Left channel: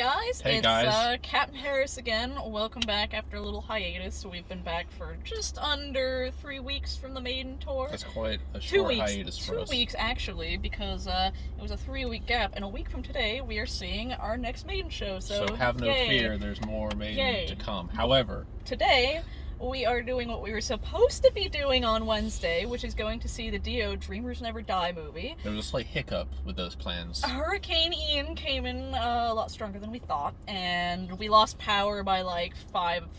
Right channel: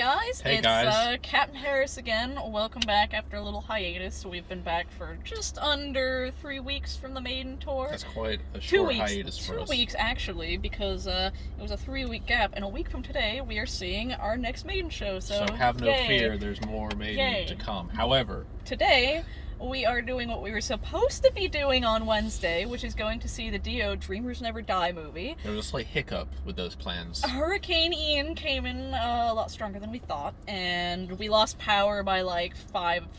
guys. Hey it's guys. Captain Harris again. Welcome back after a little hiatus. We've been back for just under 3 weeks from the Maiden tour. That's quite a 2 short weeks. hiatus for us. 2 weeks actually, because it was a 3-week gap, and a week from today we are seeing our next Maiden show. So have no yay. fear, there's more Maiden Yay. to come. However, Today we are doing what we were supposed to be doing on Wednesday, which is going to see the Dio Dreamers Never Die movie. there was a slight hiccup with those plans. Hurricane Ian came in a lot stronger than we thought, and we lost power by like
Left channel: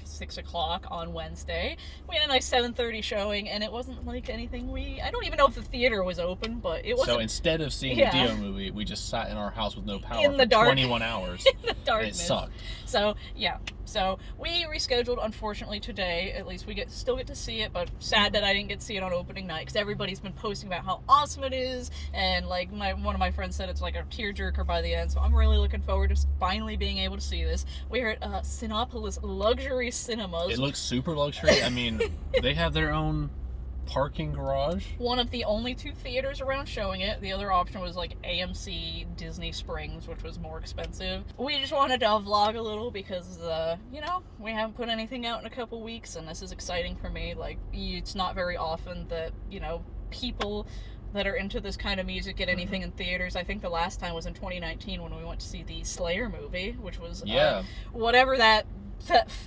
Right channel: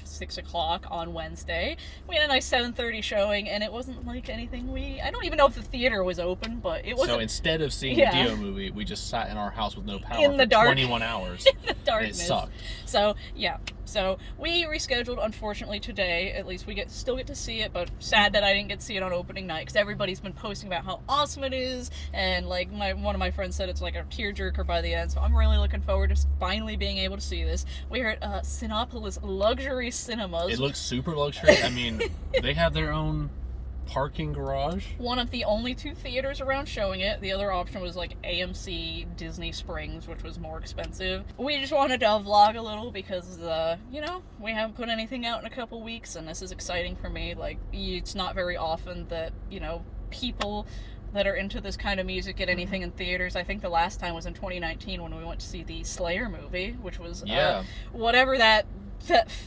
6 o'clock on Wednesday. We had a nice 7:30 showing, and it wasn't like anything I don't even know if the theater was open, but it wasn't. So instead of seeing the Dio movie, we just sat in our house with no power In the for dark. 21 hours. In the darkness. And it sucked. So, yeah. So, we rescheduled, unfortunately, today. At least we still get to see it, but sad that I didn't get to see it on opening night, because everybody's been posting about how awesome it is, and like one of my friends said it's like a tearjerker by the end, so I'm really looking forward to finally being able to see this. We're at Cinépolis Luxury Cinemas. It looks super luxury. I mean, they have their own parking garage. One of the only 2 theaters around showing it. The other option was like AMC Disney Springs, which was more expensive. We just wanted to vlog a little because, we haven't put anything out in a couple weeks, and this is exciting for me. Like, it's not very often that, people that are into this kind of music get anything in theaters. I think the last time was in 2019 when we went to see the Slayer movie, which was whatever that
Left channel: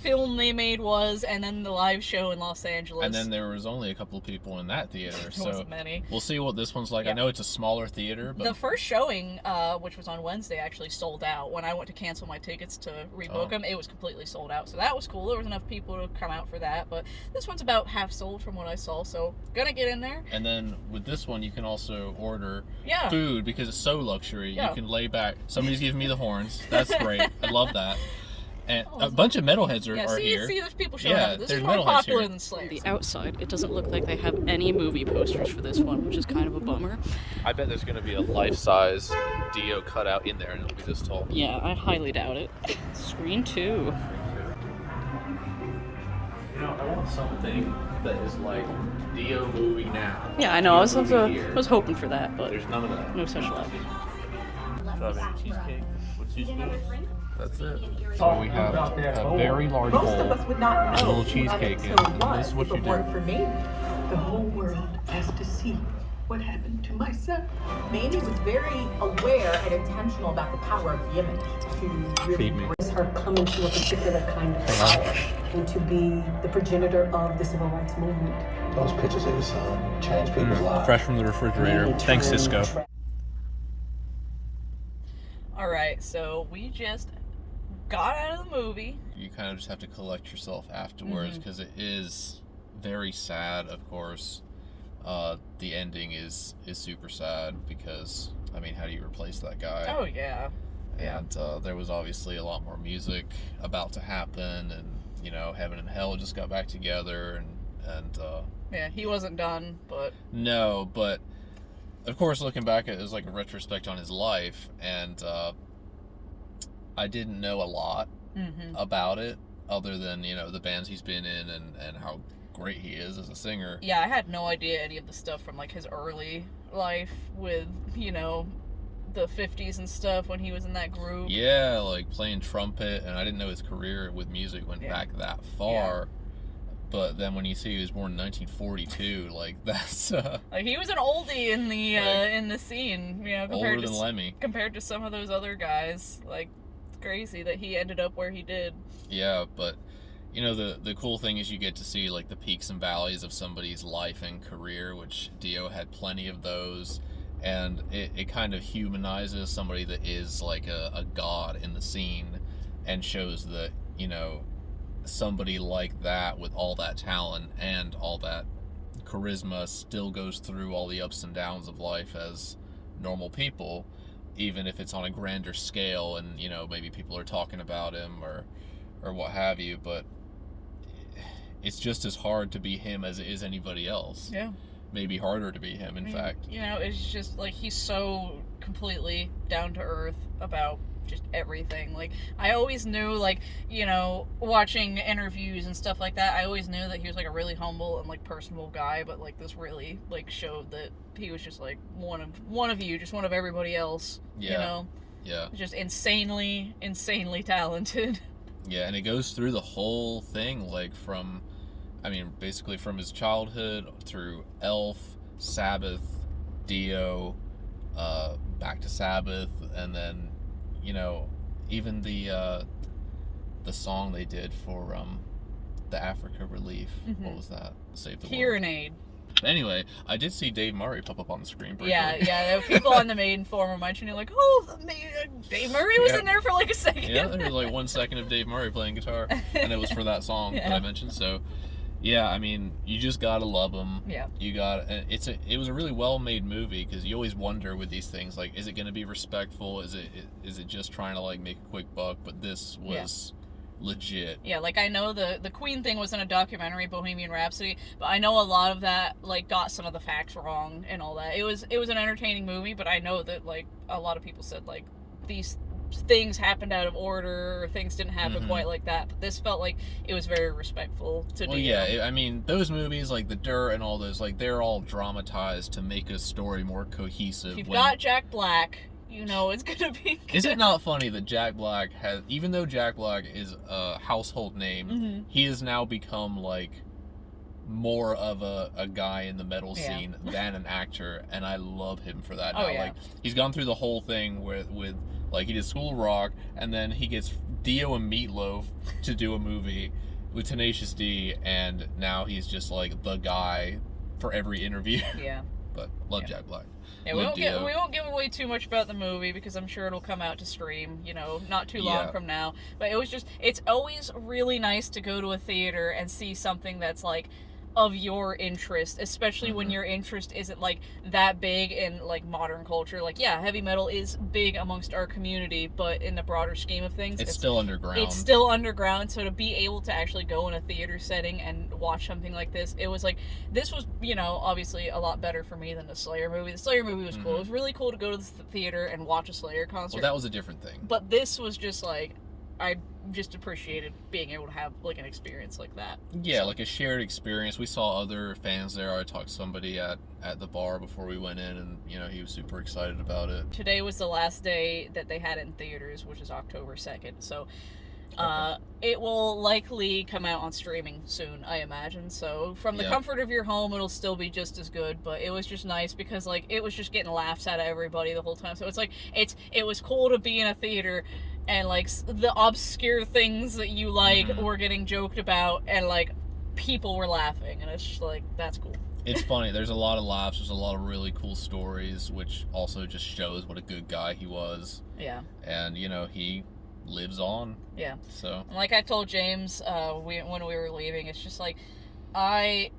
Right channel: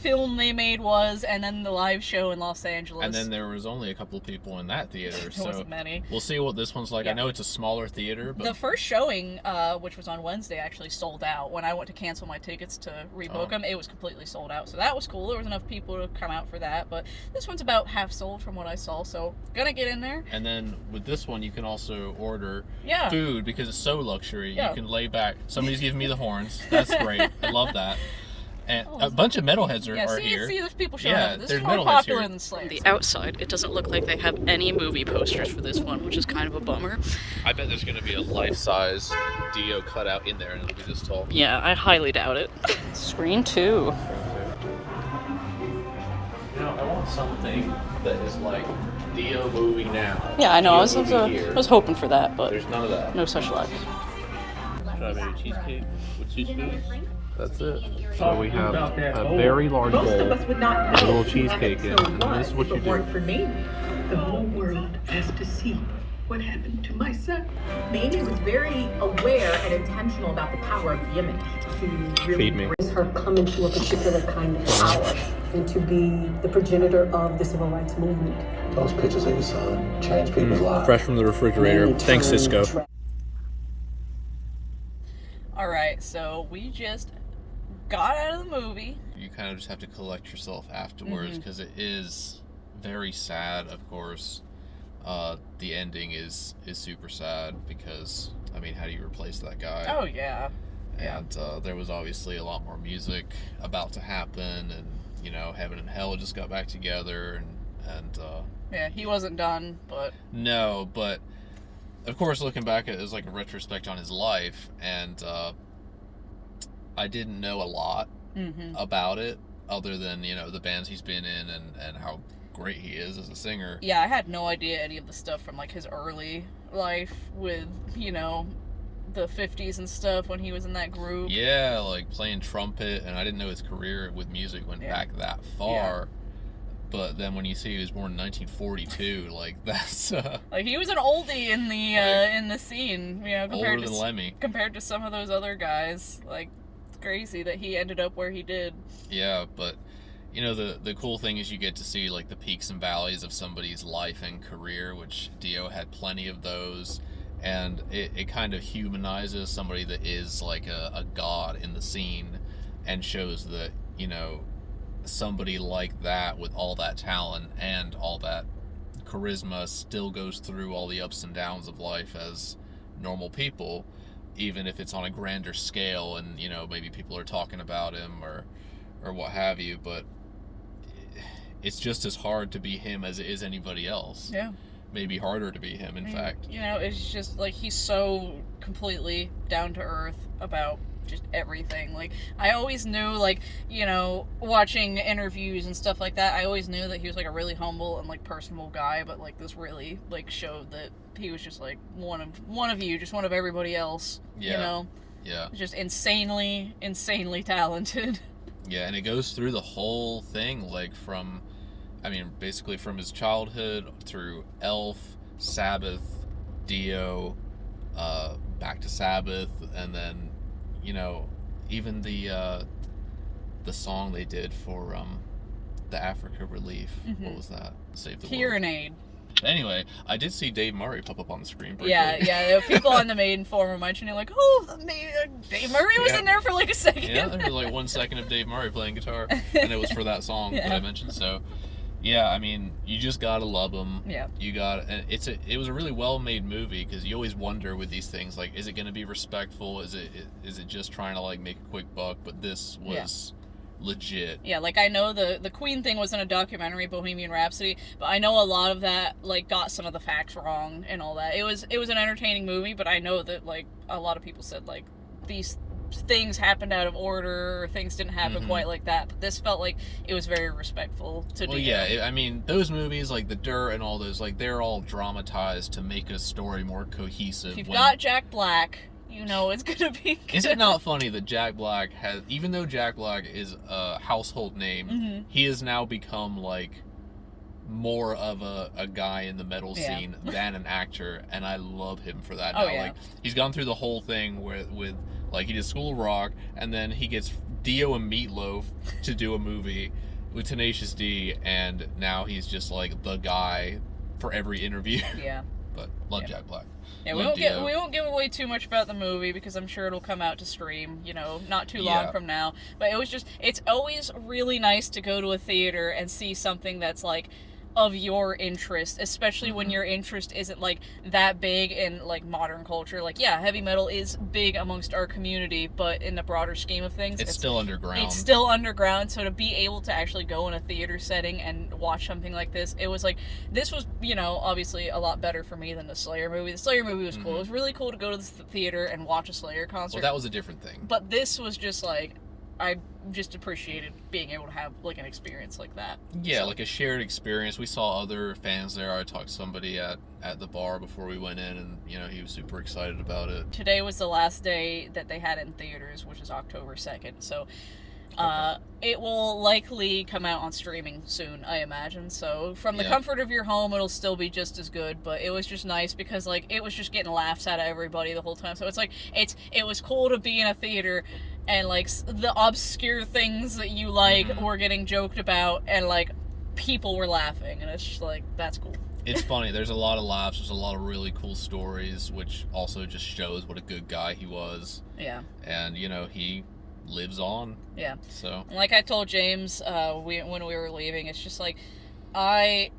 film they made was, and then the live show in Los Angeles. And then there was only a couple of people in that theater. There wasn't many. We'll see what this one's like. Yeah. I know it's a smaller theater, but the first showing, which was on Wednesday, actually sold out. When I went to cancel my tickets to rebook them, it was completely sold out. So that was cool. There was enough people to come out for that. But this one's about half sold from what I saw, so gonna get in there. And then with this one, you can also order Yeah. food because it's so luxury. Yeah. You can lay back. Somebody's giving me the horns. That's great. I love that. And a bunch of metalheads are here. See, there's people showing Yeah, up. This there's is more metalheads popular here. than Slayer. The outside, it doesn't look like they have any movie posters for this one, which is kind of a bummer. I bet there's going to be a life-size Dio cutout in there, and it'll be this tall. Yeah, I highly doubt it. Scream 2. I want something that is like Dio movie now. Yeah, I know. I Dio movie here. was hoping for that, but There's none of that. no such luck. Strawberry cheesecake with 2 spoons. That's it. So we have a very large bowl with a little cheesecake in, and this is what you do. For Mamie, the whole world has to see what happened to my son. Mamie was very aware and intentional about the power of the image to really Feed me. raise her come into a particular kind of power and to be the progenitor of the civil rights movement. Those pictures of his son changed people's lives. Fresh from the refrigerator. Thanks, Cisco. Alright, so we just got out of the movie. You kind of just have to collect yourself afterwards because it is very sad, of course. The ending is super sad because, I mean, how do you replace that guy? Oh, yeah. And there was obviously a lot more music about to happen, and, Heaven and Hell just got back together, and Yeah, he wasn't done, but... No, but, of course, looking back, it was like a retrospect on his life, and I didn't know a lot about it, other than, the bands he's been in and how great he is as a singer. Yeah, I had no idea any of the stuff from, like, his early life with, the 50s and stuff when he was in that group. Yeah, like playing trumpet, and I didn't know his career with music went back that far. But then when you see he was born in 1942, like, that's... like, he was an oldie in the scene, compared older than Lemmy. Compared to some of those other guys. Like, it's crazy that he ended up where he did. Yeah, but... the cool thing is you get to see, like, the peaks and valleys of somebody's life and career, which Dio had plenty of those, and it kind of humanizes somebody that is, like, a god in the scene, and shows that, somebody like that with all that talent and all that charisma still goes through all the ups and downs of life as normal people, even if it's on a grander scale, and, maybe people are talking about him or what have you, but it's just as hard to be him as it is anybody else. Yeah. Maybe harder to be him, in fact. It's just, like, he's so completely down to earth about just everything. Like, I always knew, like, watching interviews and stuff like that, I always knew that he was, like, a really humble and, like, personable guy, but, like, this really, like, showed that he was just, like, one of you, just one of everybody else, Yeah. Just insanely talented. Yeah, and it goes through the whole thing, like basically from his childhood through Elf, Sabbath, Dio, back to Sabbath, and then, even the song they did for the Africa Relief. Mm-hmm. What was that? Save the Hear World. an Aid. Anyway, I did see Dave Murray pop up on the screen briefly. Yeah. People on the Maiden forum were mentioning, like, Dave Murray was in there for like a second. Yeah, there was like 1 second of Dave Murray playing guitar, and it was for that song that I mentioned. So, yeah, I mean, you just gotta love him. Yeah. It was a really well-made movie, because you always wonder with these things, like, is it gonna be respectful? Is it just trying to like make a quick buck? But this was legit. Yeah, like, I know the Queen thing wasn't a documentary, Bohemian Rhapsody, but I know a lot of that, like, got some of the facts wrong and all that. It was an entertaining movie, but I know that, like, a lot of people said, like, these things happened out of order, or things didn't happen quite like that, but this felt like it was very respectful to Well, Dio. yeah, I mean, those movies, like The Dirt and all those, like, they're all dramatized to make a story more cohesive. If you've got Jack Black, you know it's gonna be good. Is it not funny that Jack Black even though Jack Black is a household name, he has now become, like, more of a guy in the metal scene than an actor, and I love him for that now. Like, he's gone through the whole thing with like, he did School of Rock, and then he gets Dio and Meatloaf to do a movie with Tenacious D, and now he's just like the guy for every interview. Yeah. But love Jack Black. Yeah, we won't give away too much about the movie, because I'm sure it'll come out to stream, not too long from now. But it's always really nice to go to a theater and see something that's, like, of your interest, especially when your interest isn't, like, that big in, like, modern culture. Like, yeah, heavy metal is big amongst our community, but in the broader scheme of things, it's still underground. It's still underground, so to be able to actually go in a theater setting and watch something like this, it was like, this was, obviously a lot better for me than the Slayer movie. The Slayer movie was cool. It was really cool to go to the theater and watch a Slayer concert. Well, that was a different thing. But this was just, like, I just appreciated being able to have, like, an experience like that. Yeah, like a shared experience. We saw other fans there. I talked to somebody at the bar before we went in, and, he was super excited about it. Today was the last day that they had it in theaters, which is October 2nd, so it will likely come out on streaming soon, I imagine. So from the comfort of your home, it'll still be just as good. But it was just nice because, like, it was just getting laughs out of everybody the whole time. So it's like it was cool to be in a theater and, like, the obscure things that you like were getting joked about, and, like, people were laughing, and it's just like, that's cool. It's funny. There's a lot of laughs. There's a lot of really cool stories, which also just shows what a good guy he was. Yeah. And, he lives on. Yeah. So. Like I told James when we were leaving, it's just like, I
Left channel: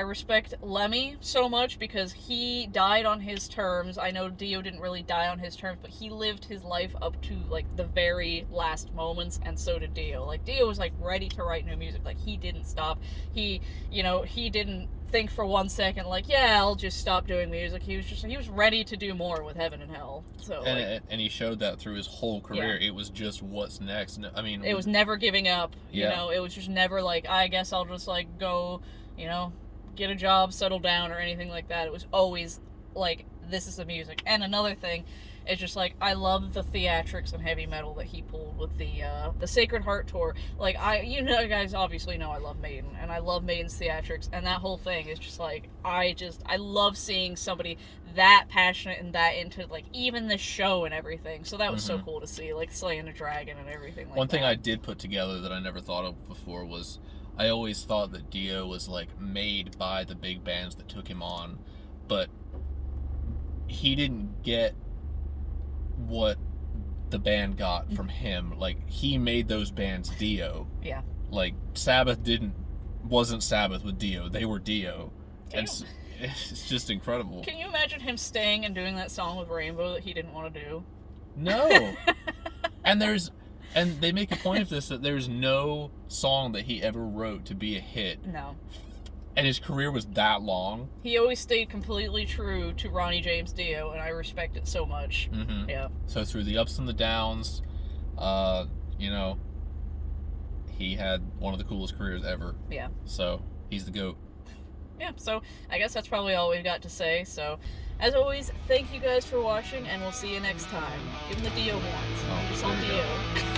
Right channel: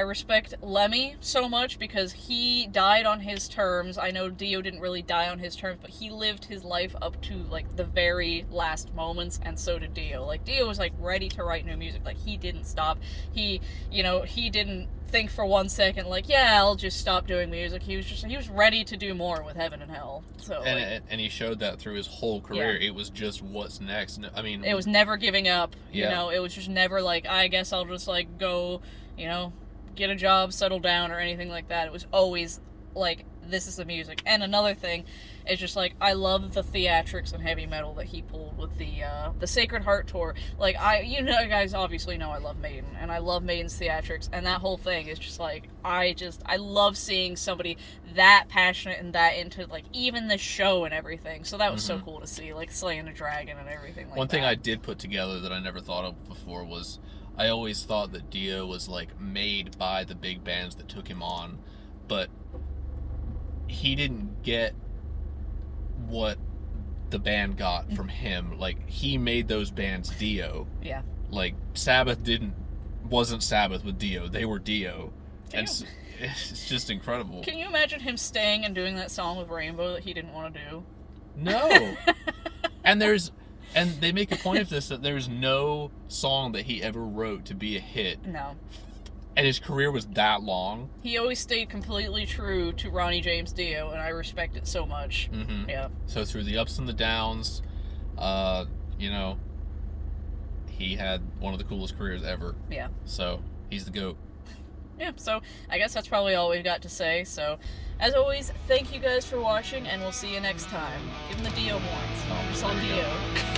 respect Lemmy so much because he died on his terms. I know Dio didn't really die on his terms, but he lived his life up to, like, the very last moments, and so did Dio. Like, Dio was, like, ready to write new music. Like, he didn't stop. He didn't think for 1 second, like, yeah, I'll just stop doing music. He was ready to do more with Heaven and Hell. So, and he showed that through his whole career. It was just what's next. I mean, it was never giving up. It was just never like, I guess I'll just, like, go, get a job, settle down, or anything like that. It was always like, this is the music. And another thing is just, like, I love the theatrics and heavy metal that he pulled with the Sacred Heart tour. Like, you guys obviously know I love Maiden, and I love Maiden's theatrics, and that whole thing is just like, I love seeing somebody that passionate and that into, like, even the show and everything. So that was so cool to see, like, slaying a dragon and everything like that. One thing I did put together that I never thought of before was, I always thought that Dio was, like, made by the big bands that took him on, but he didn't get what the band got from him. Like, he made those bands Dio. Yeah. Like, Sabbath wasn't Sabbath with Dio. They were Dio. It's just incredible. Can you imagine him staying and doing that song with Rainbow that he didn't want to do? No. And they make a point of this, that there's no song that he ever wrote to be a hit. No. And his career was that long. He always stayed completely true to Ronnie James Dio, and I respect it so much. Mm-hmm. Yeah. So through the ups and the downs, he had one of the coolest careers ever. Yeah. So he's the GOAT. Yeah, so I guess that's probably all we've got to say. So As always, thank you guys for watching, and we'll see you next time. Give them the Dio horns. Oh, Just on there you go. Dio.